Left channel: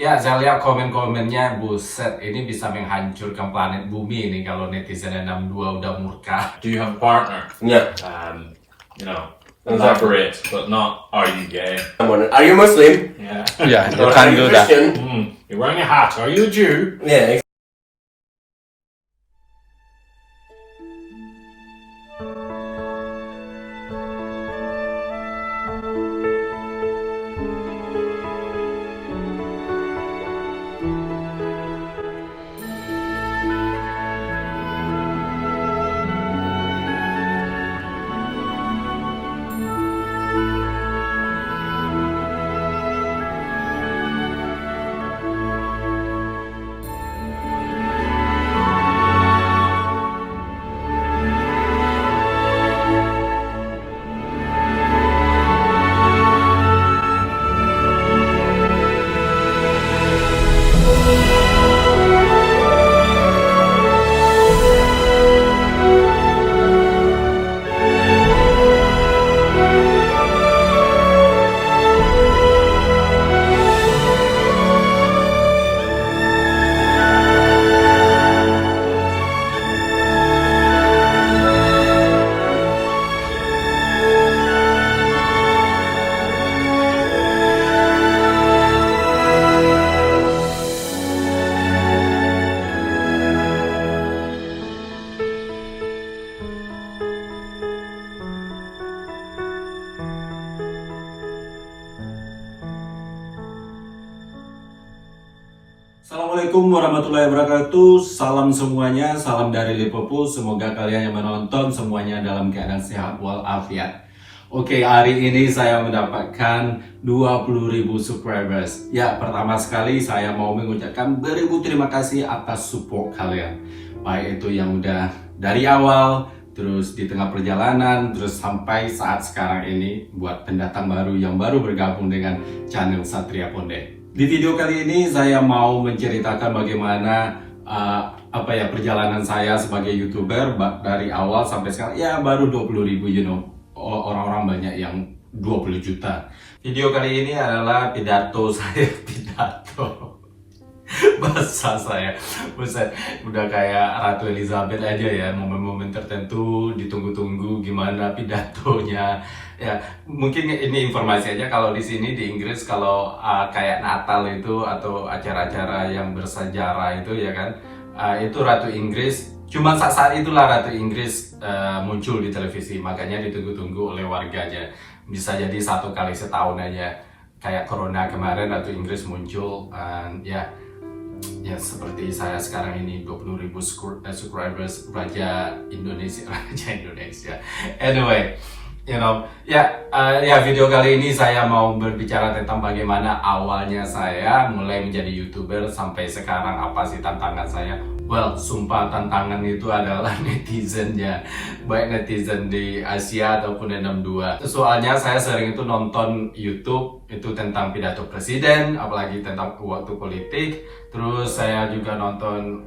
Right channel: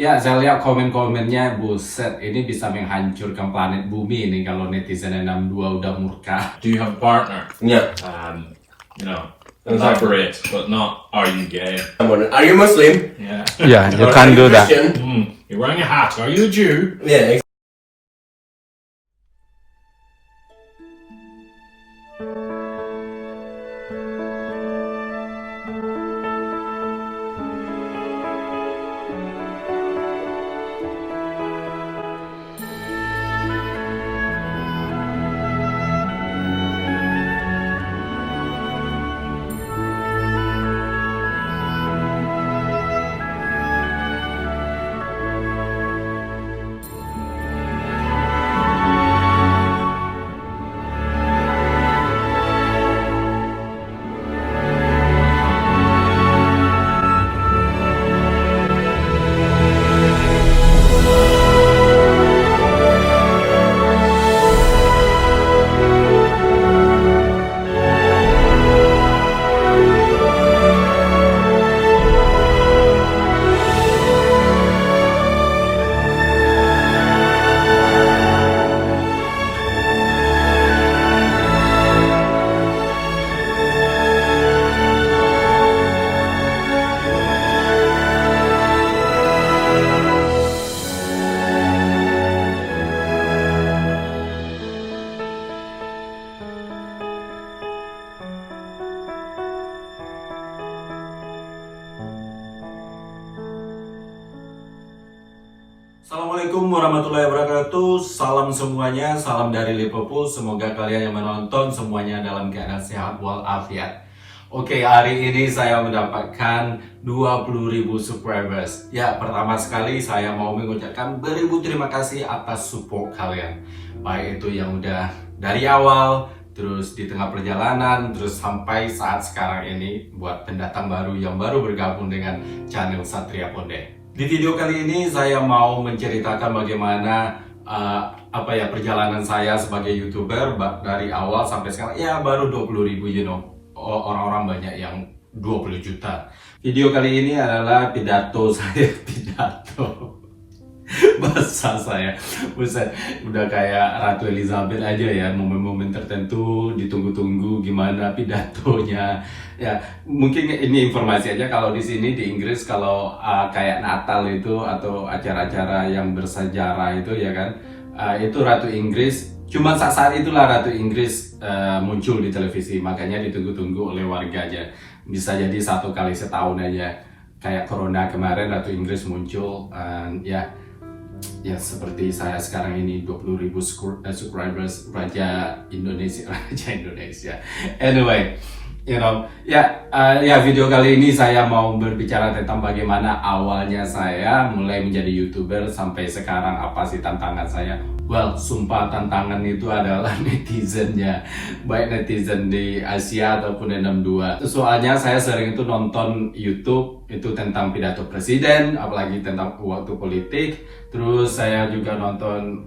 Ya, saya lihat komen-komennya, buset, ini bisa menghancurkan planet bumi ini kalau netizen 62 udah murka. Do you have a partner? Yeah. You know, Okay. elaborate, but not are you gay? Are you Muslim? Yeah. Yeah, you Or can are you do that. Christian? You're wearing a hat. Are you a Jew? Yeah. Assalamualaikum warahmatullahi wabarakatuh. Salam semuanya, salam dari Liverpool. Semoga kalian yang menonton semuanya dalam keadaan sehat walafiat. Oke, hari ini saya mendapatkan 20.000 subscribers. Ya, pertama sekali saya mau mengucapkan beribu terima kasih atas support kalian. Baik itu yang udah dari awal, terus di tengah perjalanan, terus sampai saat sekarang ini buat pendatang baru yang baru bergabung dengan channel Satria Ponde. Di video kali ini saya mau menceritakan bagaimana perjalanan saya sebagai YouTuber dari awal sampai sekarang. Ya baru 20.000, orang-orang banyak yang 20 juta. Video kali ini adalah pidato saya, bahasa saya, buset, udah kayak Ratu Elizabeth aja ya, momen-momen tertentu ditunggu-tunggu gimana pidatonya. Ya, mungkin ini informasi aja, kalau di sini di Inggris kalau kayak Natal itu atau acara-acara yang bersejarah itu ya kan, itu Ratu Inggris, cuma saat itulah Ratu Inggris muncul di televisi, makanya ditunggu-tunggu oleh warga aja. Bisa jadi satu kali setahun aja, kayak Corona kemarin Ratu Inggris muncul, ya seperti saya sekarang ini 20.000 subscribers, Raja Indonesia. Anyway, video kali ini saya mau berbicara tentang bagaimana awalnya saya mulai menjadi YouTuber sampai sekarang, apa sih tantangan saya. Well, sumpah tantangan itu adalah netizennya, baik netizen di Asia ataupun 62. Soalnya saya sering itu nonton YouTube itu tentang pidato presiden, apalagi tentang waktu politik. Terus saya juga nonton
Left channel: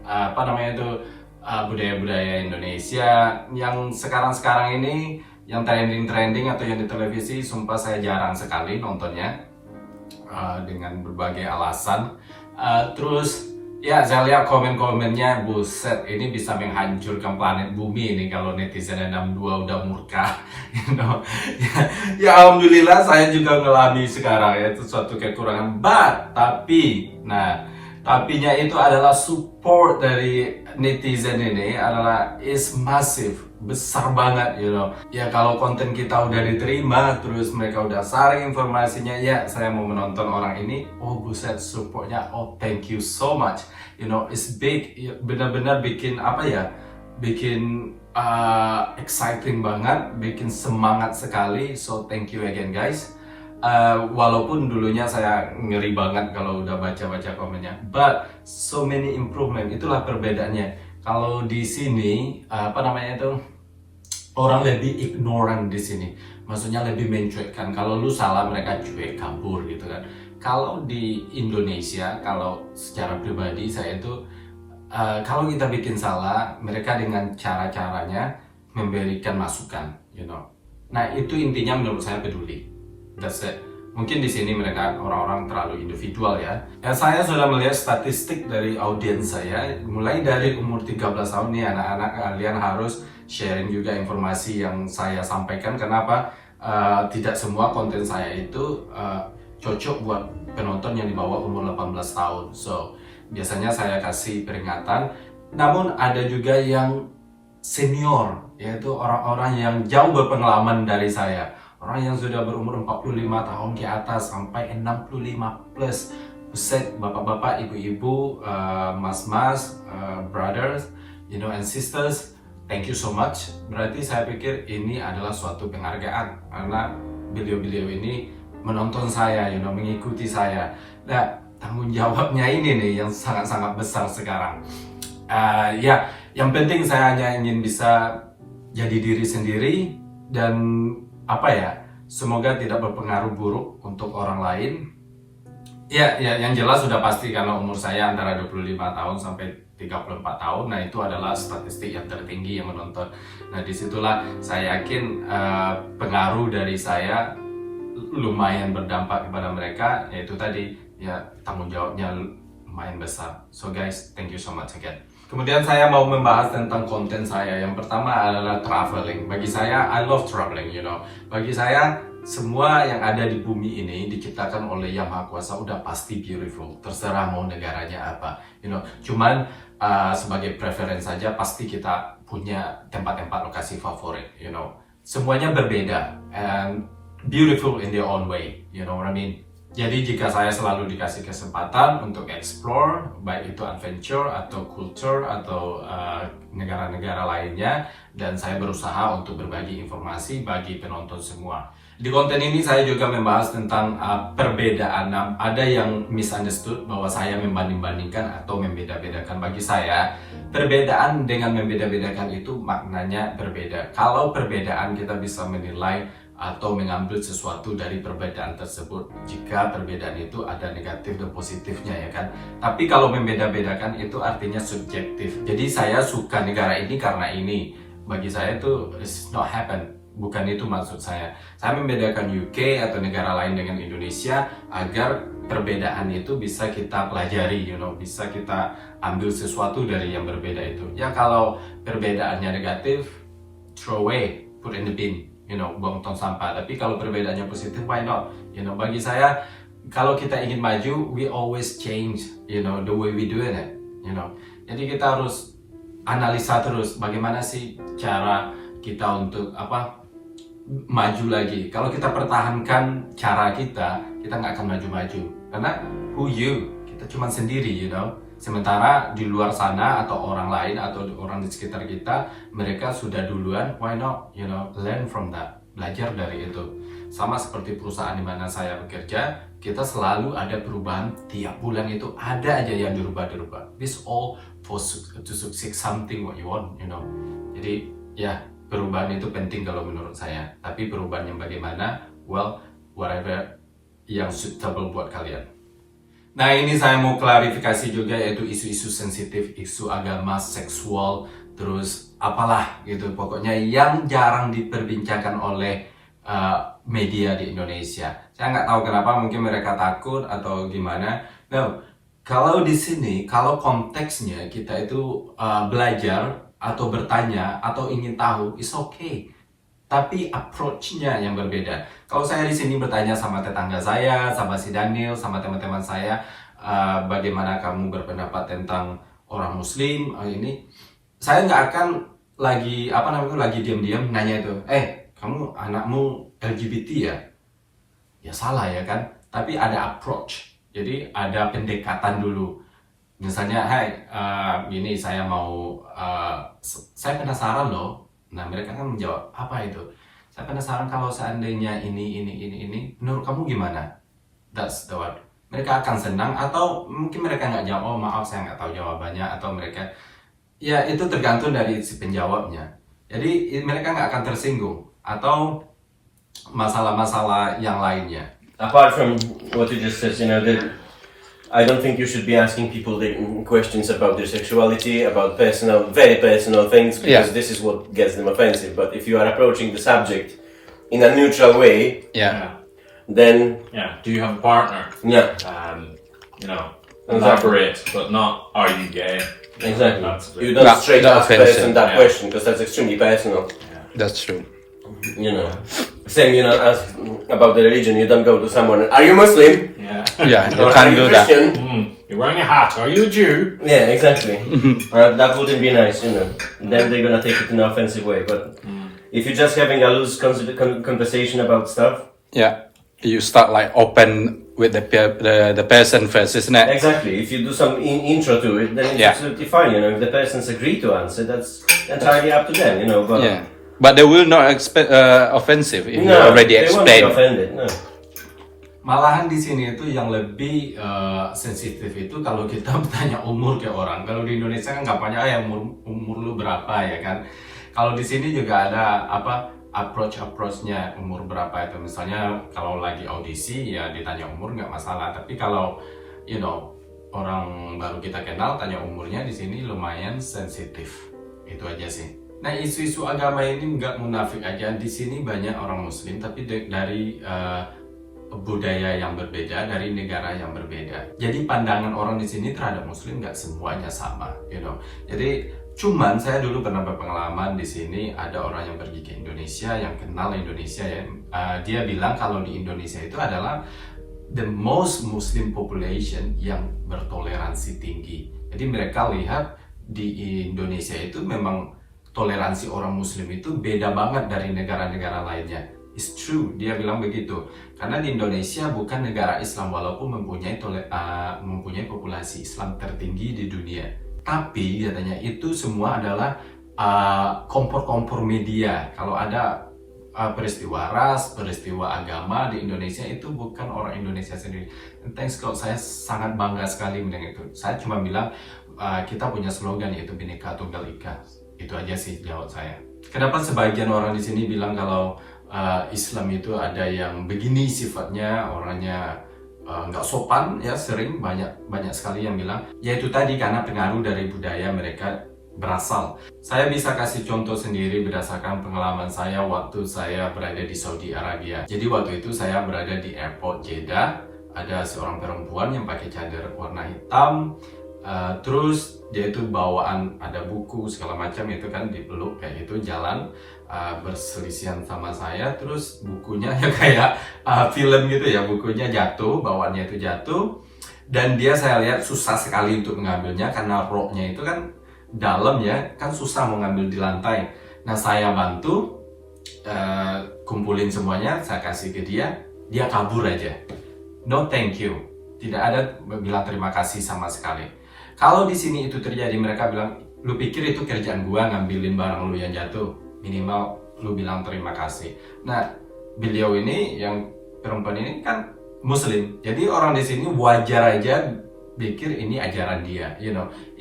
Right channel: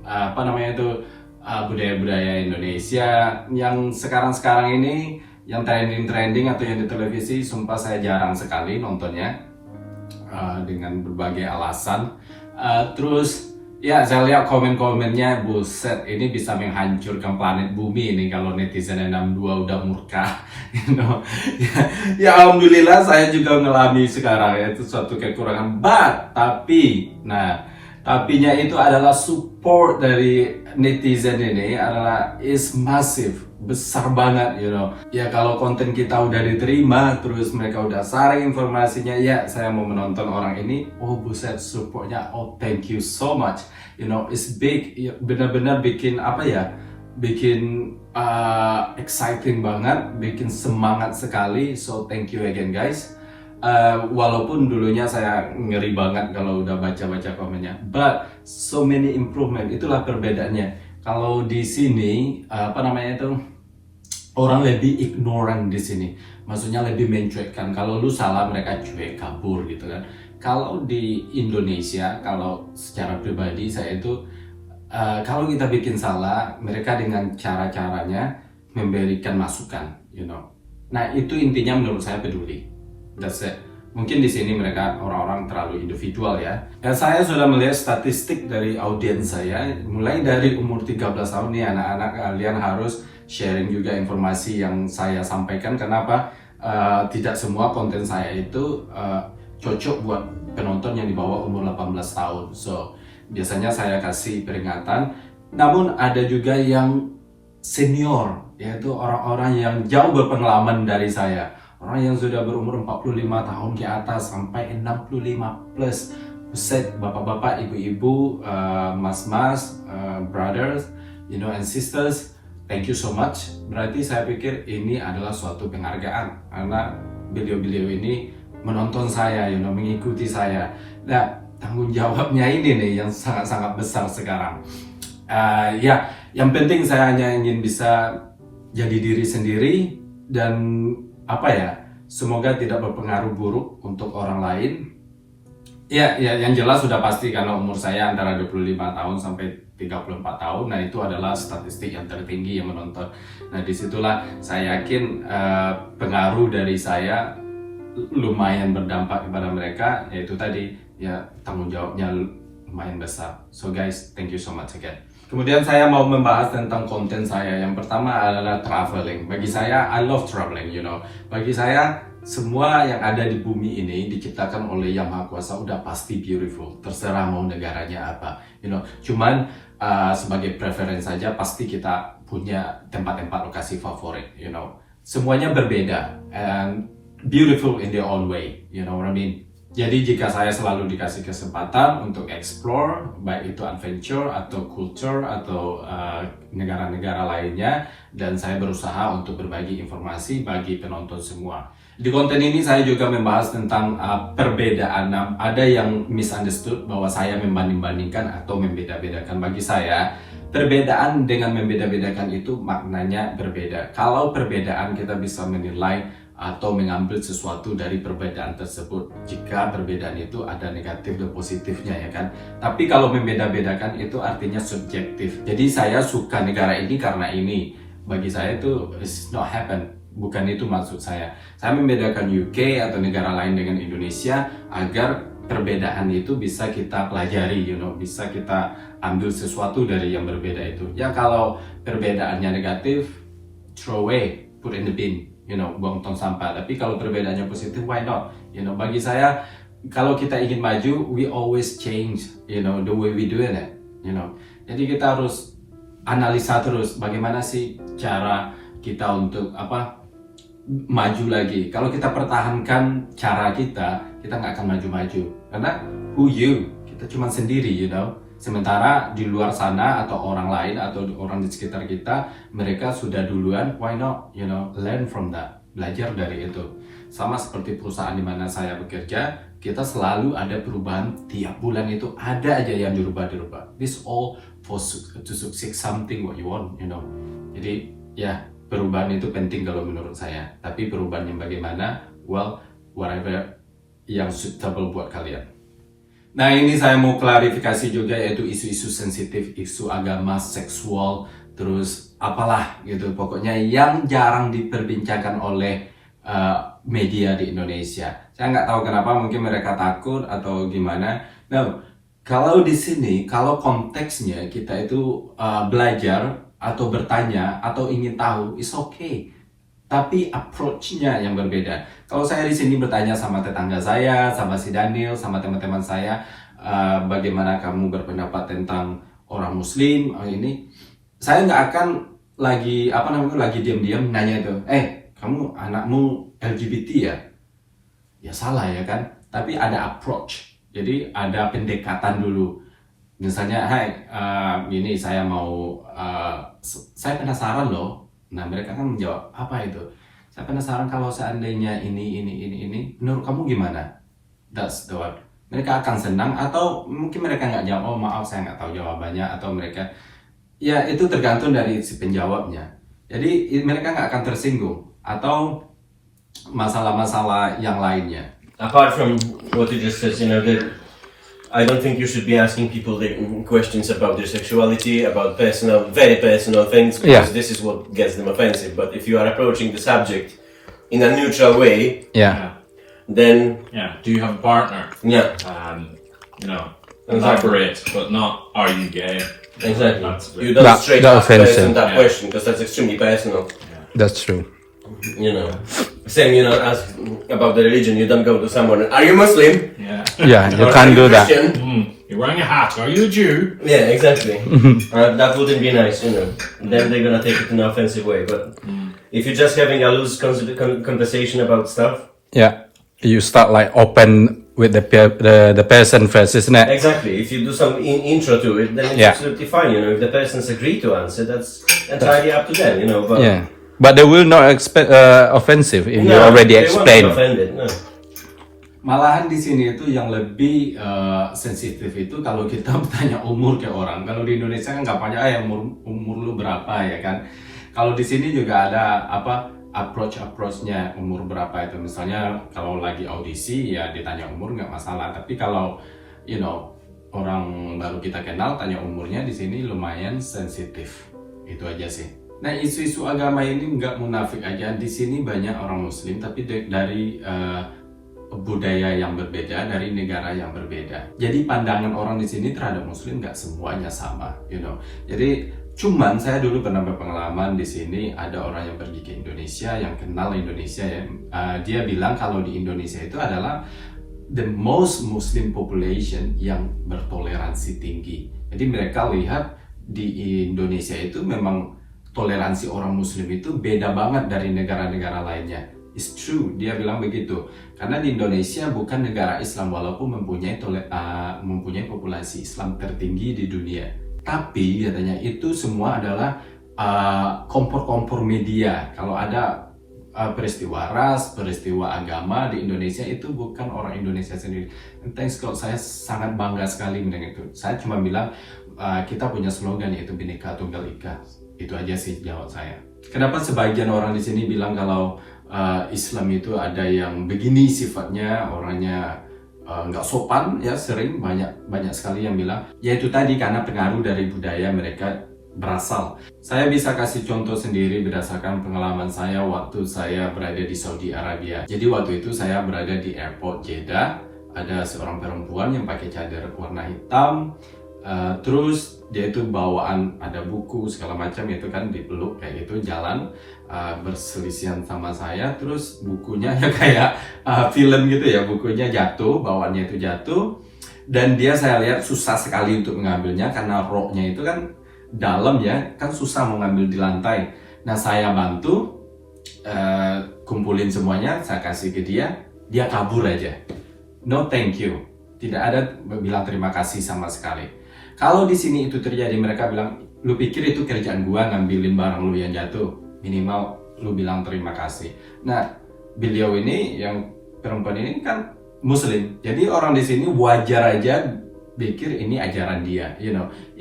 budaya-budaya Indonesia yang sekarang-sekarang ini yang trending atau yang di televisi. Sumpah saya jarang sekali nontonnya dengan berbagai alasan. Terus ya, saya lihat komen-komennya, buset, ini bisa menghancurkan planet bumi ini kalau netizen 62 udah murka. Ya, alhamdulillah saya juga ngalami sekarang ya, itu suatu kekurangan. Tapinya itu adalah support dari netizen ini adalah is massive, besar banget, Ya kalau konten kita udah diterima, terus mereka udah sharing informasinya, ya saya mau menonton orang ini, oh buset supportnya, oh thank you so much, it's big, benar-benar bikin exciting banget, bikin semangat sekali, so thank you again guys. Walaupun dulunya saya ngeri banget kalau udah baca-baca komennya, but so many improvement, itulah perbedaannya. Kalau di sini orang lebih ignorant di sini, maksudnya lebih mencuekkan. Kalau lu salah mereka cuek, kabur gitu kan. Kalau di Indonesia, kalau secara pribadi saya itu kalau kita bikin salah, mereka dengan cara-caranya memberikan masukan, Nah itu intinya menurut saya peduli. That's it. Mungkin di sini mereka orang-orang terlalu individual ya. Saya sudah melihat statistik dari audiens saya, mulai dari umur 13 tahun nih anak-anak kalian harus sharing juga informasi yang saya sampaikan. Kenapa? Tidak semua konten saya itu cocok buat penonton yang di bawah umur 18 tahun. So, biasanya saya kasih peringatan. Namun ada juga yang senior, yaitu orang-orang yang jauh berpengalaman dari saya. Orang yang sudah berumur 45 tahun ke atas sampai 65 plus. Buset, bapak-bapak, ibu-ibu, mas-mas, brothers, and sisters, thank you so much. Berarti saya pikir ini adalah suatu penghargaan karena beliau-beliau ini menonton saya, mengikuti saya. Nah, tanggung jawabnya ini nih yang sangat-sangat besar sekarang. Yang penting saya hanya ingin bisa jadi diri sendiri dan semoga tidak berpengaruh buruk untuk orang lain. Yang jelas sudah pasti karena umur saya antara 25 tahun sampai 34 tahun, nah itu adalah statistik yang tertinggi yang menonton. Nah disitulah saya yakin pengaruh dari saya lumayan berdampak kepada mereka, yaitu tadi tanggung jawabnya lumayan besar. So guys, thank you so much again. Kemudian saya mau membahas tentang konten saya. Yang pertama adalah traveling. Bagi saya, I love traveling, Bagi saya, semua yang ada di bumi ini diciptakan oleh Yang Maha Kuasa udah pasti beautiful. Terserah mau negaranya apa, Cuman sebagai preference saja, pasti kita punya tempat-tempat lokasi favorit, Semuanya berbeda and beautiful in their own way, you know what I mean? Jadi jika saya selalu dikasih kesempatan untuk explore, baik itu adventure atau culture atau negara-negara lainnya, dan saya berusaha untuk berbagi informasi bagi penonton semua. Di konten ini saya juga membahas tentang perbedaan. Ada yang misunderstood bahwa saya membanding-bandingkan atau membeda-bedakan. Bagi saya, perbedaan dengan membeda-bedakan itu maknanya berbeda. Kalau perbedaan kita bisa menilai atau mengambil sesuatu dari perbedaan tersebut jika perbedaan itu ada negatif dan positifnya, ya kan. Tapi kalau membeda-bedakan itu artinya subjektif. Jadi saya suka negara ini karena ini, bagi saya itu it's not happen, bukan itu maksud saya. Saya membedakan UK atau negara lain dengan Indonesia agar perbedaan itu bisa kita pelajari, bisa kita ambil sesuatu dari yang berbeda itu. Ya kalau perbedaannya negatif, throw away, put in the bin, buang tong sampah. Tapi kalau perbedaannya positif, why not? Bagi saya, kalau kita ingin maju, we always change, the way we doing it, Jadi kita harus analisa terus bagaimana sih cara kita untuk maju lagi. Kalau kita pertahankan cara kita nggak akan maju-maju. Karena who you? Kita cuma sendiri, Sementara di luar sana atau orang lain atau orang di sekitar kita, mereka sudah duluan, why not, learn from that, belajar dari itu. Sama seperti perusahaan di mana saya bekerja, kita selalu ada perubahan, tiap bulan itu ada aja yang dirubah-dirubah. This all to succeed something what you want, Jadi perubahan itu penting kalau menurut saya. Tapi perubahan yang bagaimana, well, whatever yang suitable buat kalian. Nah ini saya mau klarifikasi juga, yaitu isu-isu sensitif, isu agama, seksual, terus apalah gitu. Pokoknya yang jarang diperbincangkan oleh media di Indonesia. Saya nggak tahu kenapa, mungkin mereka takut atau gimana. Nah, kalau di sini, kalau konteksnya kita itu belajar atau bertanya atau ingin tahu, it's okay. Tapi approach-nya yang berbeda. Kalau saya di sini bertanya sama tetangga saya, sama si Daniel, sama teman-teman saya, bagaimana kamu berpendapat tentang orang Muslim ini, saya nggak akan lagi diam-diam nanya itu, kamu anakmu LGBT ya? Ya salah ya kan? Tapi ada approach. Jadi ada pendekatan dulu. Misalnya, ini saya mau, saya penasaran loh. Nah mereka kan menjawab, apa itu? Saya penasaran kalau seandainya ini, menurut kamu gimana? That's the one. Mereka akan senang atau mungkin mereka nggak jawab, oh maaf saya nggak tahu jawabannya, atau mereka, ya itu tergantung dari si penjawabnya. Jadi mereka nggak akan tersinggung atau masalah-masalah yang lainnya. Apart from what you just said, that I don't think you should be asking people questions about their sexuality, about very personal things, because this is what gets them offensive. But if you are approaching the subject in a neutral way, then Yeah. Do you have a partner? yeah, You know, Exactly. elaborate, but not are you gay? exactly. That's a bit- You don't Not- straight not ask person offensive, that yeah. question because that's extremely personal. That's true. You know, same. You know, ask about the religion. You don't go to someone. Are you Muslim? Yeah. Yeah, you Or are can't you do that. Christian? You're wearing a hat. Are you a Jew? Yeah, exactly. That wouldn't be nice, you know. Then they're gonna take it in an offensive way. But if you're just having a loose conversation about stuff, Yeah, you start like open with the person first, isn't it? exactly. If you do some intro to it, then it's Yeah. absolutely fine. You know, if the person's agree to answer, that's entirely up to them. You know, but Yeah, but they will not expect offensive if you no, already they won't be explain. offended. No. Malahan di sini itu yang lebih sensitif itu kalau kita bertanya umur ke orang. Kalau di Indonesia kan gampangnya yang umur lu berapa ya kan. Kalau di sini juga ada approachnya umur berapa itu. Misalnya kalau lagi audisi ya ditanya umur nggak masalah. Tapi kalau orang baru kita kenal tanya umurnya di sini lumayan sensitif. Itu aja sih. Nah, isu-isu agama ini nggak munafik aja. Di sini banyak orang Muslim tapi dari budaya yang berbeda, dari negara yang berbeda. Jadi pandangan orang di sini terhadap Muslim nggak semuanya sama, Jadi cuman saya dulu pernah berpengalaman di sini ada orang yang pergi ke Indonesia, yang kenal Indonesia ya. Dia bilang kalau di Indonesia itu adalah the most Muslim population yang bertoleransi tinggi. Jadi mereka lihat di Indonesia itu memang toleransi orang Muslim itu beda banget dari negara-negara lainnya. It's true, dia bilang begitu. Karena di Indonesia bukan negara Islam walaupun mempunyai populasi Islam tertinggi di dunia. Tapi katanya itu semua adalah kompor-kompor media. Kalau ada peristiwa ras, peristiwa agama di Indonesia itu bukan orang Indonesia sendiri. And thanks God, saya sangat bangga sekali mendengar itu. Saya cuma bilang kita punya slogan yaitu Bhinneka Tunggal Ika. Itu aja sih jawab saya. Kenapa sebagian orang di sini bilang kalau Islam itu ada yang begini sifatnya, orangnya nggak sopan ya, sering banyak sekali yang bilang yaitu tadi karena pengaruh dari budaya mereka berasal. Saya bisa kasih contoh sendiri berdasarkan pengalaman saya waktu saya berada di Saudi Arabia. Jadi waktu itu saya berada di airport Jeddah, ada seorang perempuan yang pakai cadar warna hitam, terus dia itu bawaan ada buku segala macam itu kan, dipeluk kayak gitu jalan berselisihan sama saya, terus bukunya ya kayak film gitu ya, bukunya jatuh, bawaannya itu jatuh, dan dia saya lihat susah sekali untuk mengambilnya karena roknya itu kan dalam ya, kan susah mengambil di lantai. Nah saya bantu kumpulin semuanya, saya kasih ke dia kabur aja, no thank you, tidak ada bilang terima kasih sama sekali. Kalau di sini itu terjadi, mereka bilang, lu pikir itu kerjaan gua ngambilin barang lu yang jatuh, minimal lu bilang terima kasih. Nah, beliau ini yang perempuan ini kan Muslim, jadi orang di sini wajar aja pikir ini ajaran dia,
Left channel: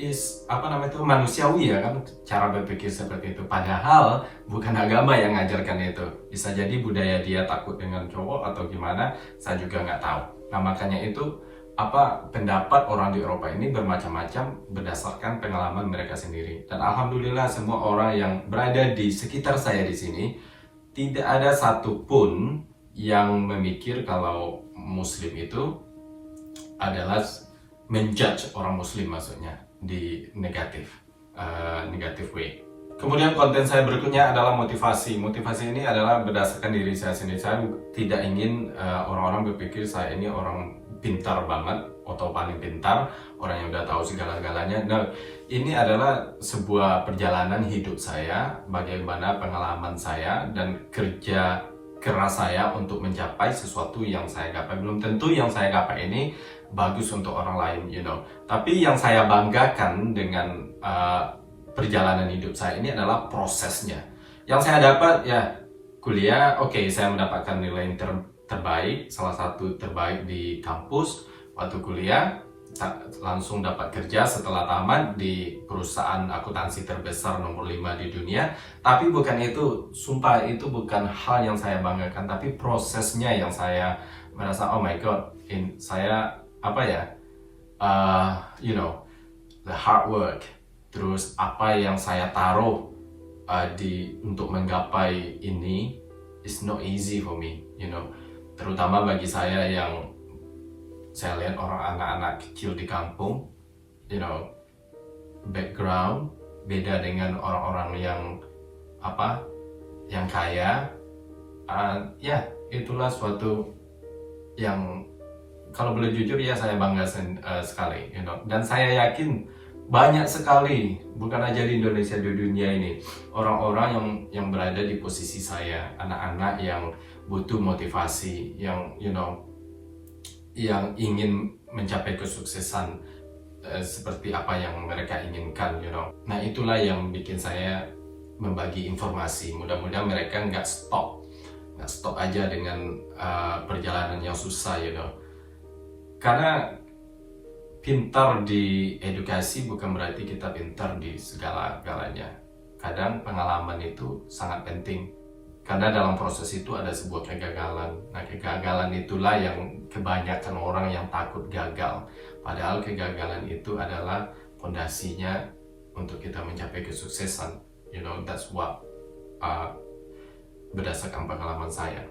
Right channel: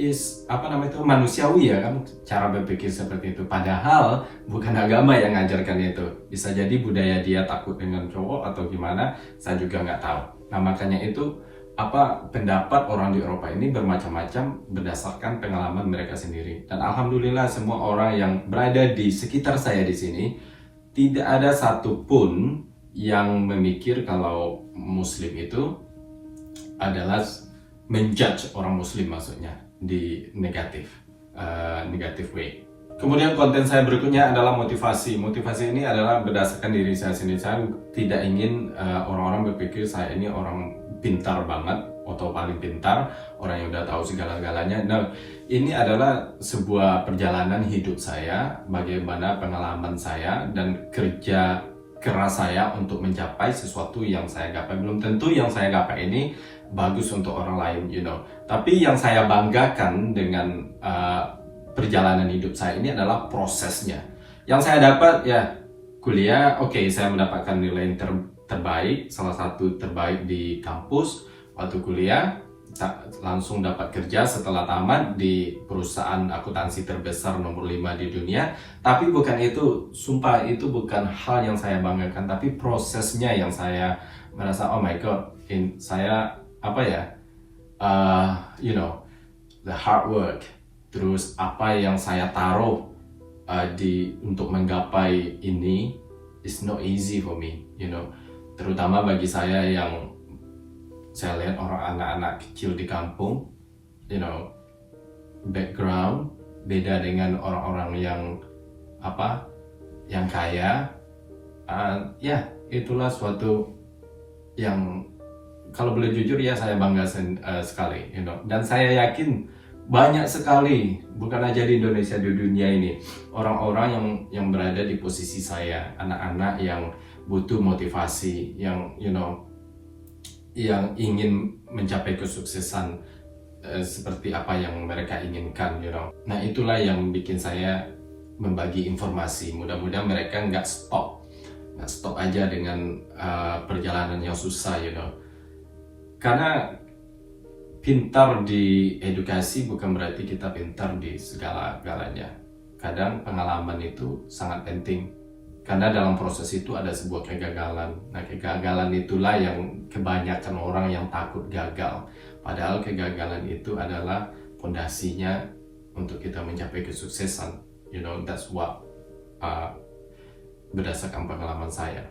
is manusiawi ya kan, cara berpikir seperti itu. Padahal bukan agama yang ngajarkan itu. Bisa jadi budaya dia takut dengan cowok atau gimana, saya juga nggak tahu. Nah makanya itu pendapat orang di Eropa ini bermacam-macam berdasarkan pengalaman mereka sendiri. Dan alhamdulillah semua orang yang berada di sekitar saya di sini tidak ada satupun yang memikir kalau Muslim itu adalah menjudge orang Muslim, maksudnya di negatif way. Kemudian konten saya berikutnya adalah motivasi. Motivasi ini adalah berdasarkan diri saya sendiri. Saya tidak ingin orang-orang berpikir saya ini orang pintar banget atau paling pintar, orang yang udah tahu segala-galanya. Nah, ini adalah sebuah perjalanan hidup saya, bagaimana pengalaman saya dan kerja keras saya untuk mencapai sesuatu yang saya gapai. Belum tentu yang saya gapai ini bagus untuk orang lain, Tapi yang saya banggakan dengan perjalanan hidup saya ini adalah prosesnya. Yang saya dapat ya kuliah, saya mendapatkan nilai terbaik, salah satu terbaik di kampus waktu kuliah, langsung dapat kerja setelah tamat di perusahaan akuntansi terbesar nomor 5 di dunia. Tapi bukan itu, sumpah itu bukan hal yang saya banggakan, tapi prosesnya yang saya merasa oh my god, saya the hard work, terus apa yang saya taruh untuk menggapai ini is not easy for me, terutama bagi saya yang saya lihat orang anak-anak kecil di kampung, background beda dengan orang-orang yang kaya. Itulah suatu yang kalau boleh jujur ya saya bangga sekali, dan saya yakin banyak sekali, bukan aja di Indonesia, di dunia ini, orang-orang yang berada di posisi saya, anak-anak yang butuh motivasi, yang ingin mencapai kesuksesan seperti apa yang mereka inginkan, Nah, itulah yang bikin saya membagi informasi. Mudah-mudahan mereka nggak stop aja dengan perjalanan yang susah, Karena pintar di edukasi bukan berarti kita pintar di segala-galanya. Kadang pengalaman itu sangat penting, karena dalam proses itu ada sebuah kegagalan. Nah, kegagalan itulah yang kebanyakan orang yang takut gagal. Padahal kegagalan itu adalah fondasinya untuk kita mencapai kesuksesan. That's what berdasarkan pengalaman saya.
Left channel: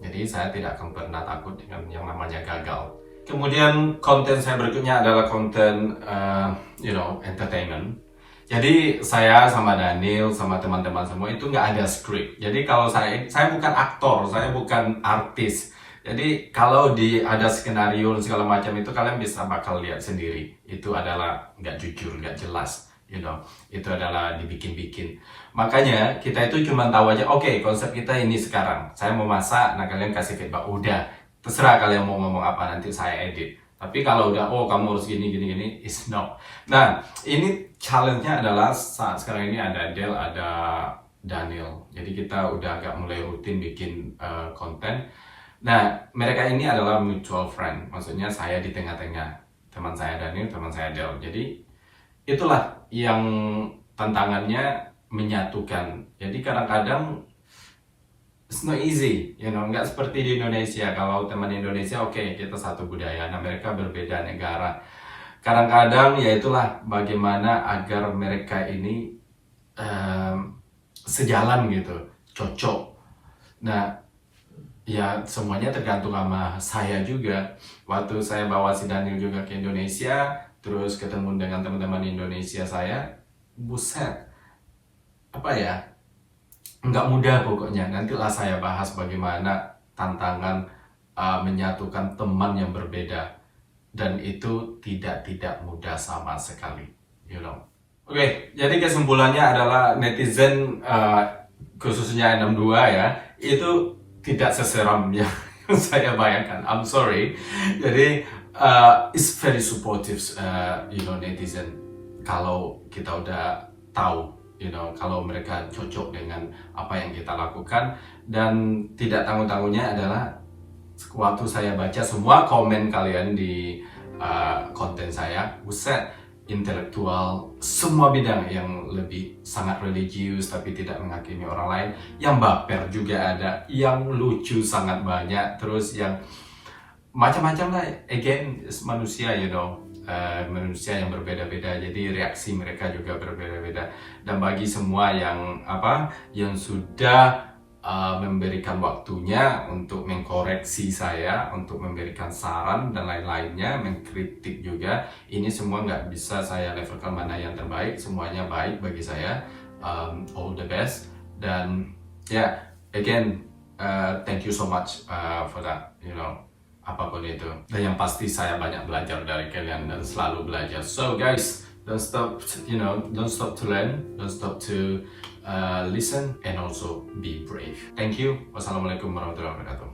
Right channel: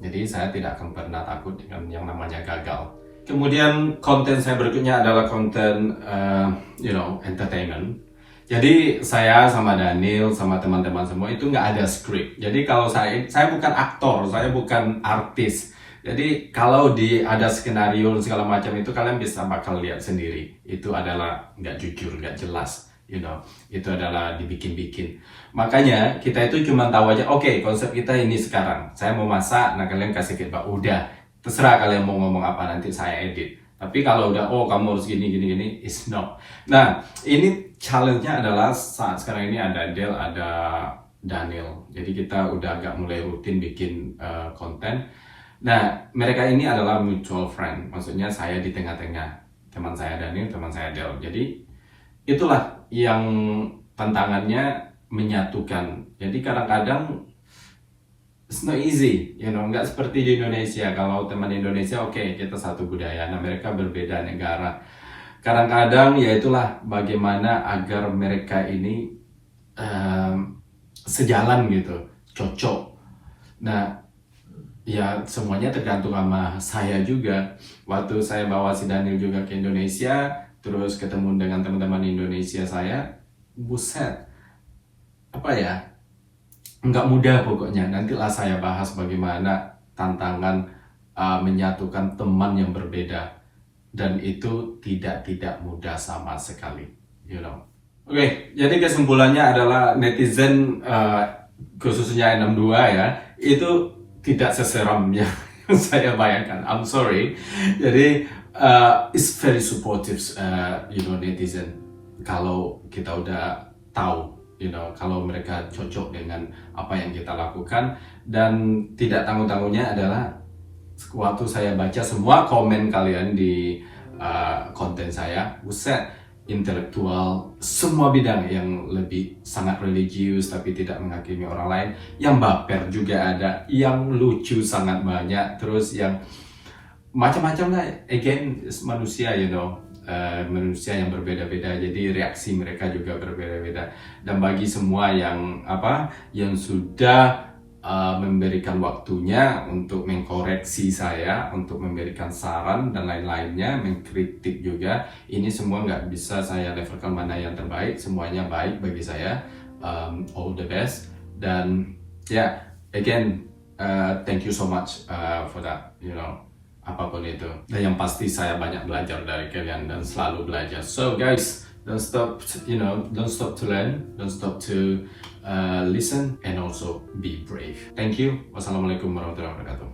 Jadi saya tidak akan pernah takut dengan yang namanya gagal. Kemudian konten saya berikutnya adalah konten entertainment. Jadi saya sama Daniel sama teman-teman semua itu nggak ada skrip. Jadi kalau saya bukan aktor, saya bukan artis. Jadi kalau ada skenario segala macam itu kalian bakal lihat sendiri. Itu adalah nggak jujur, nggak jelas. Itu adalah dibikin-bikin. Makanya kita itu cuma tahu aja, oke, konsep kita ini sekarang. Saya mau masak, nah kalian kasih feedback. Udah, terserah kalian mau ngomong apa, nanti saya edit. Tapi kalau udah, kamu harus gini, is no. Nah, ini challenge-nya adalah saat sekarang ini ada Del, ada Daniel. Jadi kita udah agak mulai rutin bikin konten. Nah, mereka ini adalah mutual friend. Maksudnya saya di tengah-tengah. Teman saya Daniel, teman saya Del. Jadi itulah yang tantangannya menyatukan. Jadi kadang-kadang it's not easy, nggak seperti di Indonesia. Kalau teman Indonesia, oke, kita satu budaya. Nah, mereka berbeda negara. Kadang-kadang ya itulah bagaimana agar mereka ini sejalan gitu, cocok. Nah, ya semuanya tergantung sama saya juga. Waktu saya bawa si Daniel juga ke Indonesia, terus ketemu dengan teman-teman Indonesia saya, buset, nggak mudah pokoknya. Nantilah saya bahas bagaimana tantangan menyatukan teman yang berbeda, dan itu tidak mudah sama sekali, Oke, jadi kesimpulannya adalah netizen khususnya 62 ya, itu tidak seseram yang saya bayangkan. I'm sorry. Jadi it's very supportive, netizen. Kalau kita udah tahu, kalau mereka cocok dengan apa yang kita lakukan, dan tidak tanggung-tanggungnya adalah waktu saya baca semua komen kalian di konten saya, buset, intelektual, semua bidang yang lebih sangat religius tapi tidak menghakimi orang lain, yang baper juga ada, yang lucu sangat banyak, terus yang macam-macam lah. Again, manusia, manusia yang berbeda-beda, jadi reaksi mereka juga berbeda-beda. Dan bagi semua yang sudah memberikan waktunya untuk mengkoreksi saya, untuk memberikan saran dan lain-lainnya, mengkritik juga, ini semua nggak bisa saya levelkan mana yang terbaik. Semuanya baik bagi saya. All the best. Dan again, thank you so much for that, apapun itu. Dan yang pasti saya banyak belajar dari kalian dan selalu belajar. So guys, don't stop to learn, don't stop to listen, and also be brave. Thank you. Wassalamualaikum warahmatullahi wabarakatuh.